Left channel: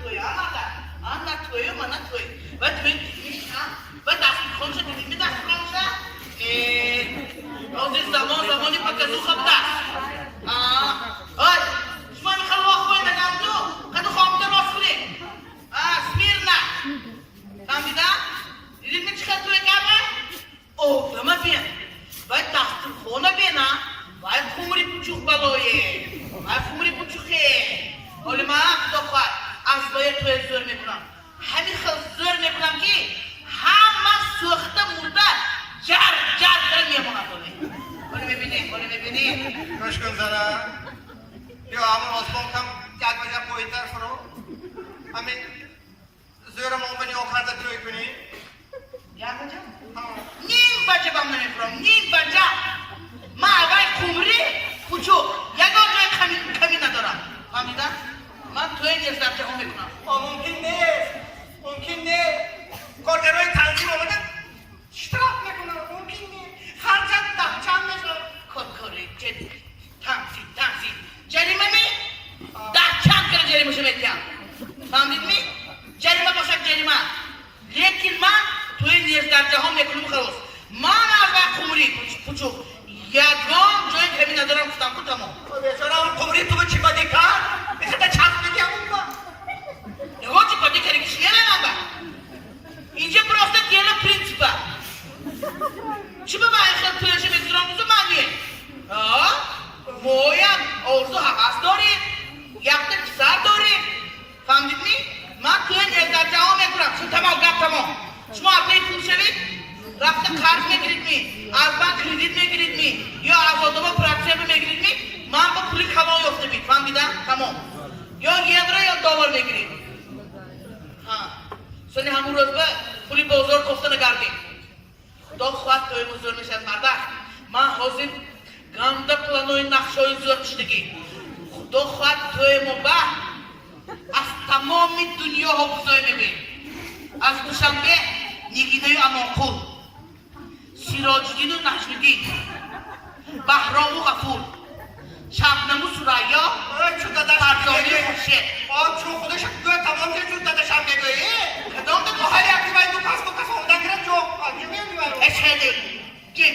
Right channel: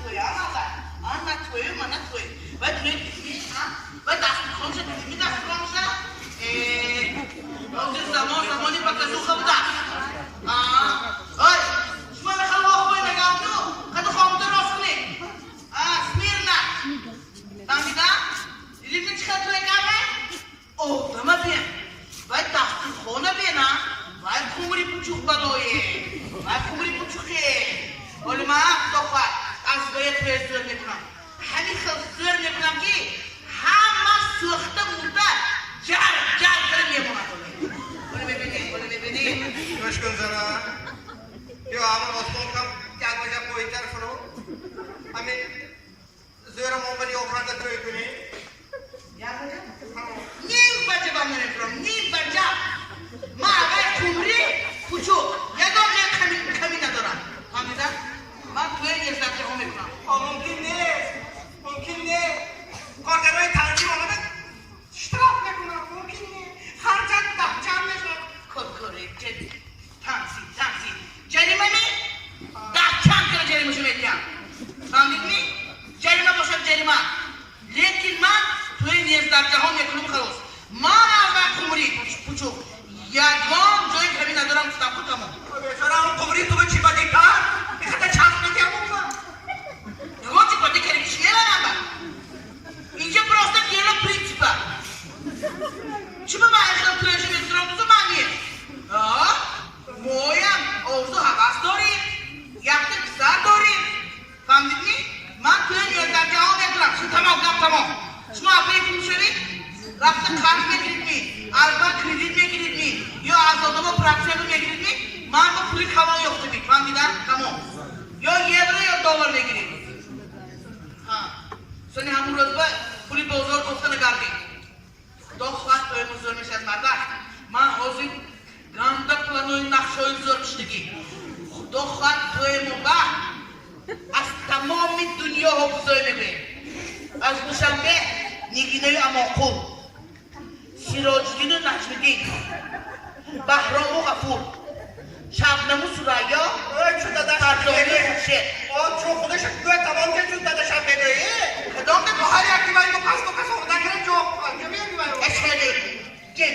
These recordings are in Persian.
توی آن توی من توی و توی و دست خونش دیدی دست خونش از زمانی پکازو خب دست آی شما میخوام واقعی نگم تو کدو خواهم تو راست کنی سمیرنا فهمیده؟ دیدی چه توی گمه؟ اوه دمه بین باید دست خونه بینه باید خمری پوچوخ بلویه باید خمری پوچوخه ولی من دخواه از باید توی زور میکنم همین خیلی زور میکنم که همه سوخته مرده جر داره میمونه ولی میبینی گوش کن زنه یا همون آسمان کم یک بجه پایین‌تر فرو همین زورم اون بلی آخرده توی کنی یک بجه؟ نیم بجه با من میفرم نیم بجه ما اگر خمری پوچوخ یکم جای کمی ندارم فهمیدن؟ من توی نیستم چه هم میکنم ممکن نیست کارگرهای تنظیم آمده اشتراک نکنم ممکن نیست خرجت دهچم نشد کاری جدی تنظیم جریمه می دهچم کنه جریمه شو میتیم فهمید می؟ جریمه باشد جریمه لیکن من توی نیست در جهان میکنم خلاص من اگر خمری پوچوخ یکم جای کمی ندارم گفتم که تمام بیچاره هم خمری تو به چی کاری کن؟ بخاطر چند میگم اون یهو چی کاری کردی کشیه نبا اینجا پروسته دیگه پرینسیپا چی به من خیلی تویشه میتونم بزن مانیه مویم آرزو حقاس داریم یکت کسر داریم فهمدید می؟ من توی نیزد جهان میکنم شما تمام گفت تمام شما اپلی پول شوید رفت کارت میگیرید می اربان کریدیت میگیرید می یا از آدم پرکسیه میگیرید می من با پولی کما یافته بید فهمیدم تمام یا یورو یا دلار میگیرید سنی همون روز به پولی بزرگ گفته نگردیم دو خواهد توی مزور میشه از مرده من حاضر گنده پلانوی نقشای زور کشتگی دو خواهد توی مبه از تمام دنیا ها بزرگ میبین از دوشنبه نگینه اماقول سیراجدین و نجمدین بهرام و غفور شبنم و سریا فرزانه و خورشید چون خودش دوی تمام که چون داده شب بگویی کدام به هر یکی باید دو پس آمدن گیرن جو آگه میبینی باید اشهده جد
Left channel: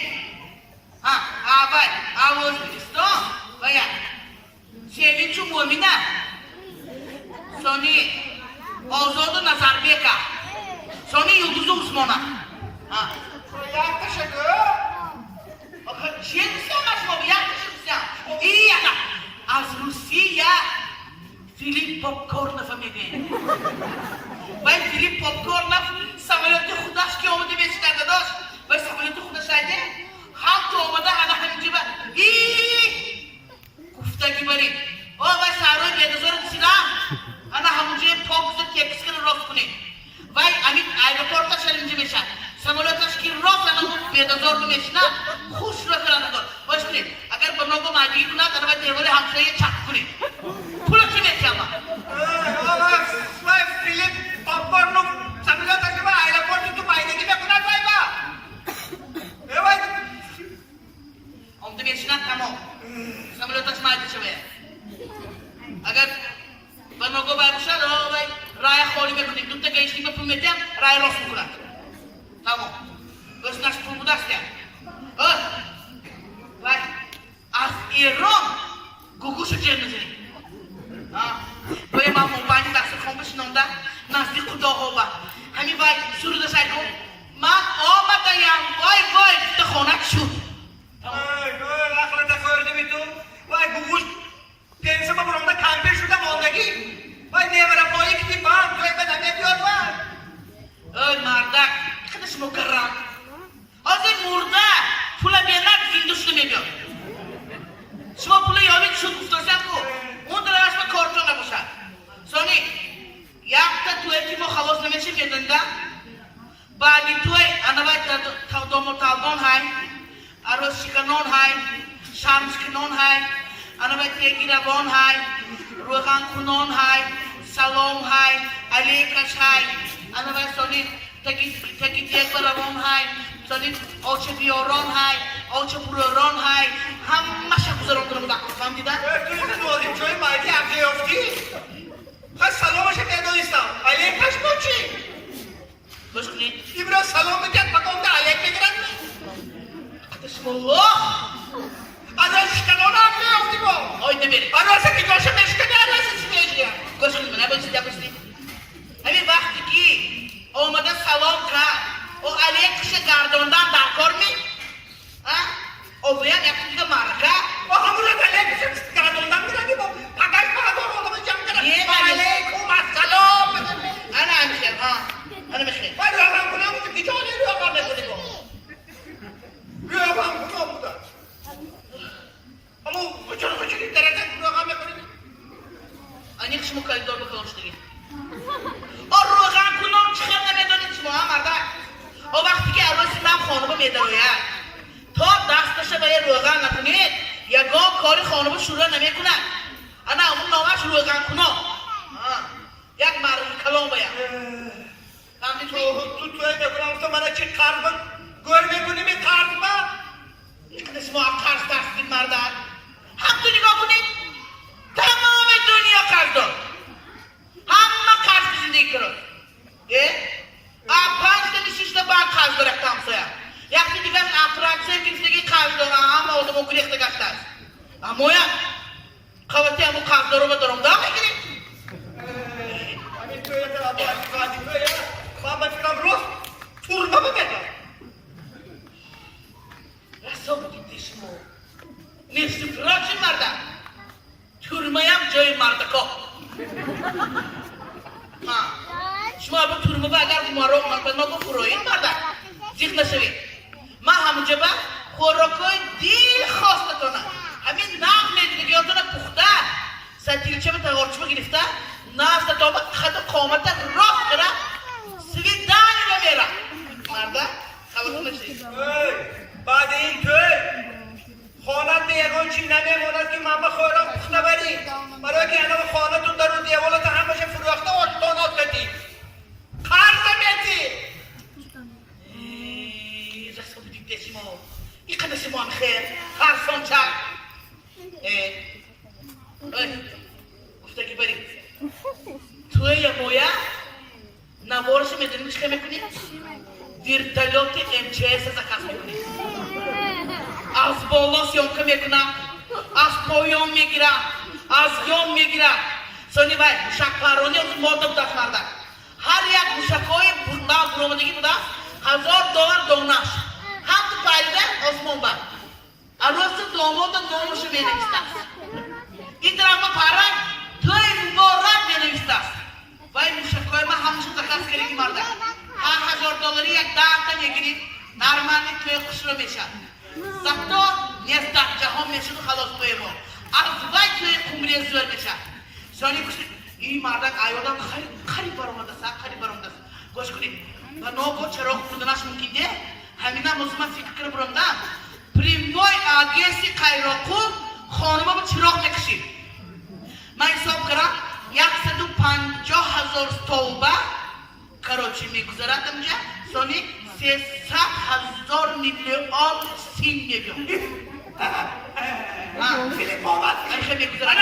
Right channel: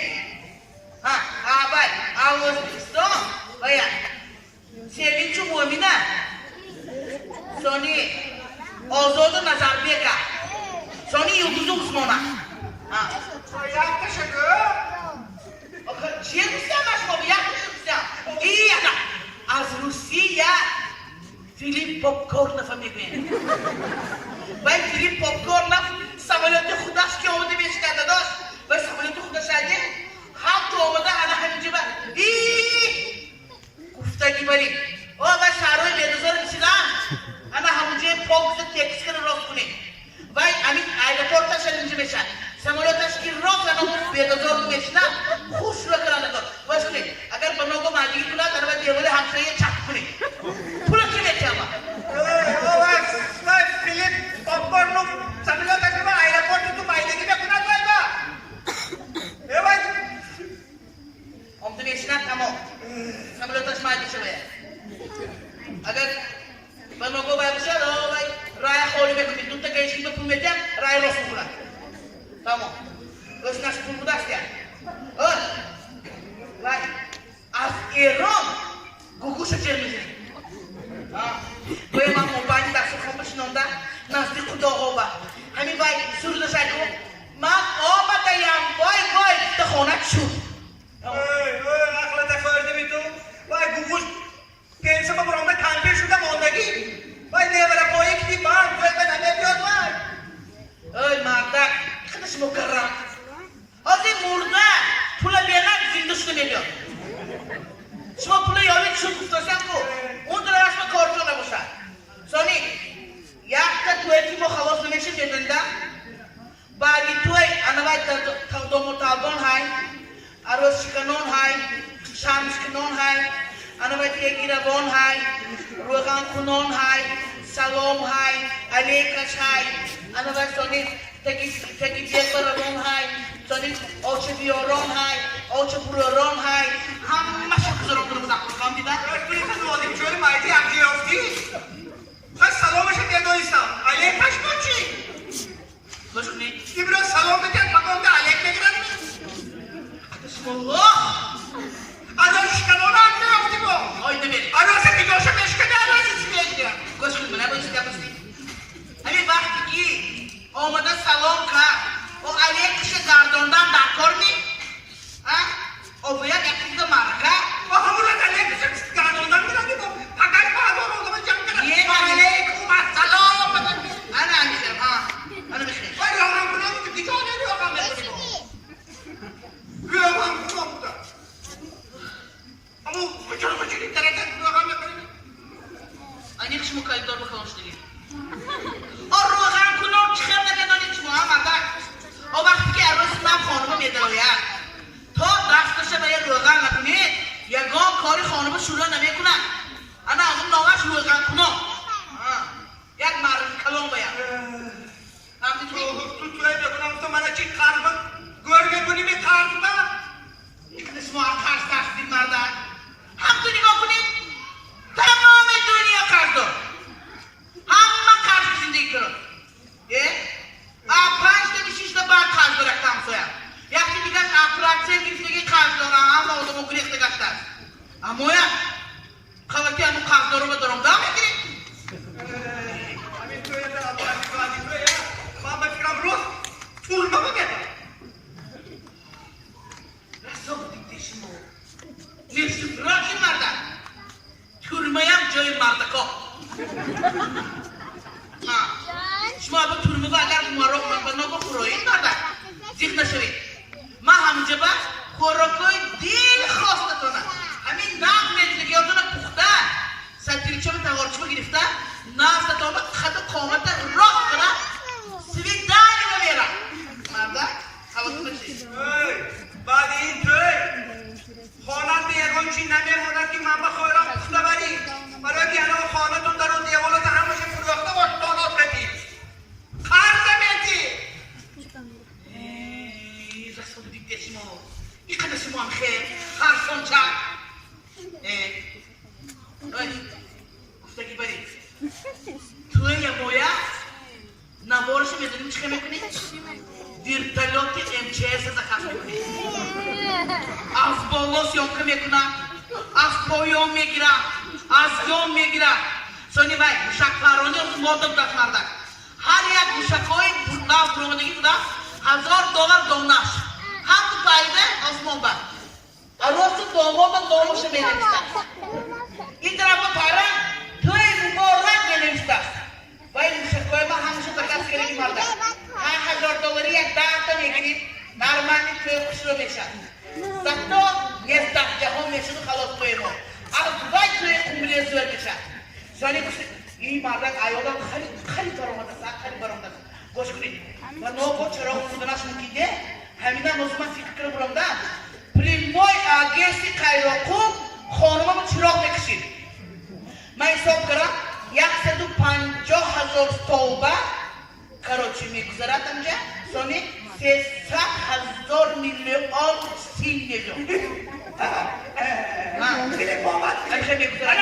اول اوزبستان باید سیلی چو مومینه سانی آزاد و نظر بیکا سانی یوزوز و عثمانه یک تشکر چیه دوستم شما یک دوستم این از روسیه فیلیپ پاپکورن فهمیده باید فیلیپ پاپکورن سمالیات خودش که آمده بیشتر داشت باید سمالیات خودش رده هم تو آمده انا همینجا گفتگی بریم باید سرای بیدازار رسیدم انا همونجا پاکز تکس کنه راست کنیم باید امین ایرپورتش اینجا بشن سمالیاتش که راست انا بیدازار رو میشنم خوش رو کنم دار باش کنیم اگر بناگو مادی کنه در باید دیوال همسایه چک کنیم پول چی میتی اما فیلیپ پاپکورن سمالیاتش که من ایرپورت تو بایدگی بکنن باید آمده میشنم تمام سمالیاتش مادی شوه اگر بناگو باید بشه رای خوری بکنیم دوتا گیشتی به پول میتیم رای راست بکنم تمام بس نش پول بوده است وای از ایران گوگوش جر میزنیم باید من موبایل دست خون بشنونده نزدیک خدا خوبه همین وای سرود سایدو من آمدیم وای دخونت شد نخلت کارده بی تو وای گوگوش پینسه با برانده کمپیر شده ماندگی وای نیوره پایی که بی بام توی به نمه بیاد وای مردک خودش مکرم از این مرده پول بیرد زنده شده میبید شما پول یاوید شد گفتاسیم کو اون دل اسم کارتون نباشد سانی یک تا توی تیمو خواست نمیشه میدنده بعدی توی انا باید دومو تابان های عروس شکنون های شام شکنون های انا باید یکی روان های روغان کنون های سلام های علیکش های انا باید سانی تکی تیک برابان های سانی آچه بیاران های آچه براران های همه شب بزران کنم دقیقا فهم دیدن؟ توی که نوالیم جوی مایدی هم جیافتی خواهد سلامش بیدوی مرده سلام کرد و علیه کش گرداندن در کار می؟ او باید یک چیز مرکه و همون از علیه کش گرداندن میرنی با فقط بردار آدم جمع کرد علیکم السلام انا میخیر انا میخیر باید روغن کنم بودی که جانه روغن نکنی با روغن کنم بودم اما چرا بچگی درجه روغن نکنی این یک شما کاری دار بکنش دیگه روغن کنم چخیر نمیدانی شما مرده او وقتی که عروسی من خانومه میداید تا دستش به روغن نکنید یگان کاری خانومه شروع نمیکنن انا اون نامش روغن کنم یک مرد کلام باید تو توی بکنم تو منو چی قرض گور میکنی به قرض من این شما قرض دستید مردن هم تو نگاه کنید تمام دنیا قرض دار همه قرض زندگی کرد 5 تا 6 تا بعد قرض دار یک همسایه یکی دیگه افرادسه گرفتگی قرض داره همه آدم گریخته گشته است اما یک خواهدی همون قرض دار رو به درم دام میگیرید همین توی در آدم من بفکرم روز تورمه بگردم رسا بودید شما نیست فراچی مردن تورمه هم جای مردکا شما با تورمه با اگر من نگو فروید مردن زیخ نشوید من همونجا با خوراکای دیر خواسته کنم همین نقل نجدگیاتون پخته سنتیریچه به تغارچه گرفته نفت تا خط قامت راه کرد سوی دانی بمیرم مرده خواهدون نشید بعد این توی خانت میگون چی نمیگوند که من به خوراک پخته بری برای که انا خانتون در اون دیوالات همشه فروخته آشتانات کدی قرض میتی رسول دیگه شما این قدر شما هم خیر خرسان چند گفتگی برید توی یه باید نوارش میدونیم چه میکنید؟ دیر تلات MCS زکاف میکنید از بالا سیانکه میکنم از پایان میگیرم از یام میگیرم سانی بای موشک پرانی از مردم دست مردن هر یک موشک های ناف برامدگی بوده $1000 دونش هم تو پایده آسمان بر عروس داماد ناموش مینویستن این طرف پرن توی مبارک مینویستن باید موشک های من همیشه دکست کریم مردن $1000 یک تا میگیریم نرمانی توی خوش رو میشن زبتا نیست جهان میشن و خلاص توی ما اما باید توی قمری زور میشن سانی کسی این مردن ایادان خیلی برامده است خیلی برامده است گوش کنید و نوگو چراغ بودنش ممکنه همین هم موضوع من فکر کنم برامده پریموی آگیسی قیراقو خانوما با چراغ میکشید من حساب کردم 150,000 توبه کراچی میگذارد اینجا سانی 300,000 میلیون سین میلیون خیلی بابت خیلی میگذارد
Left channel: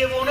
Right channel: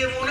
دیوانه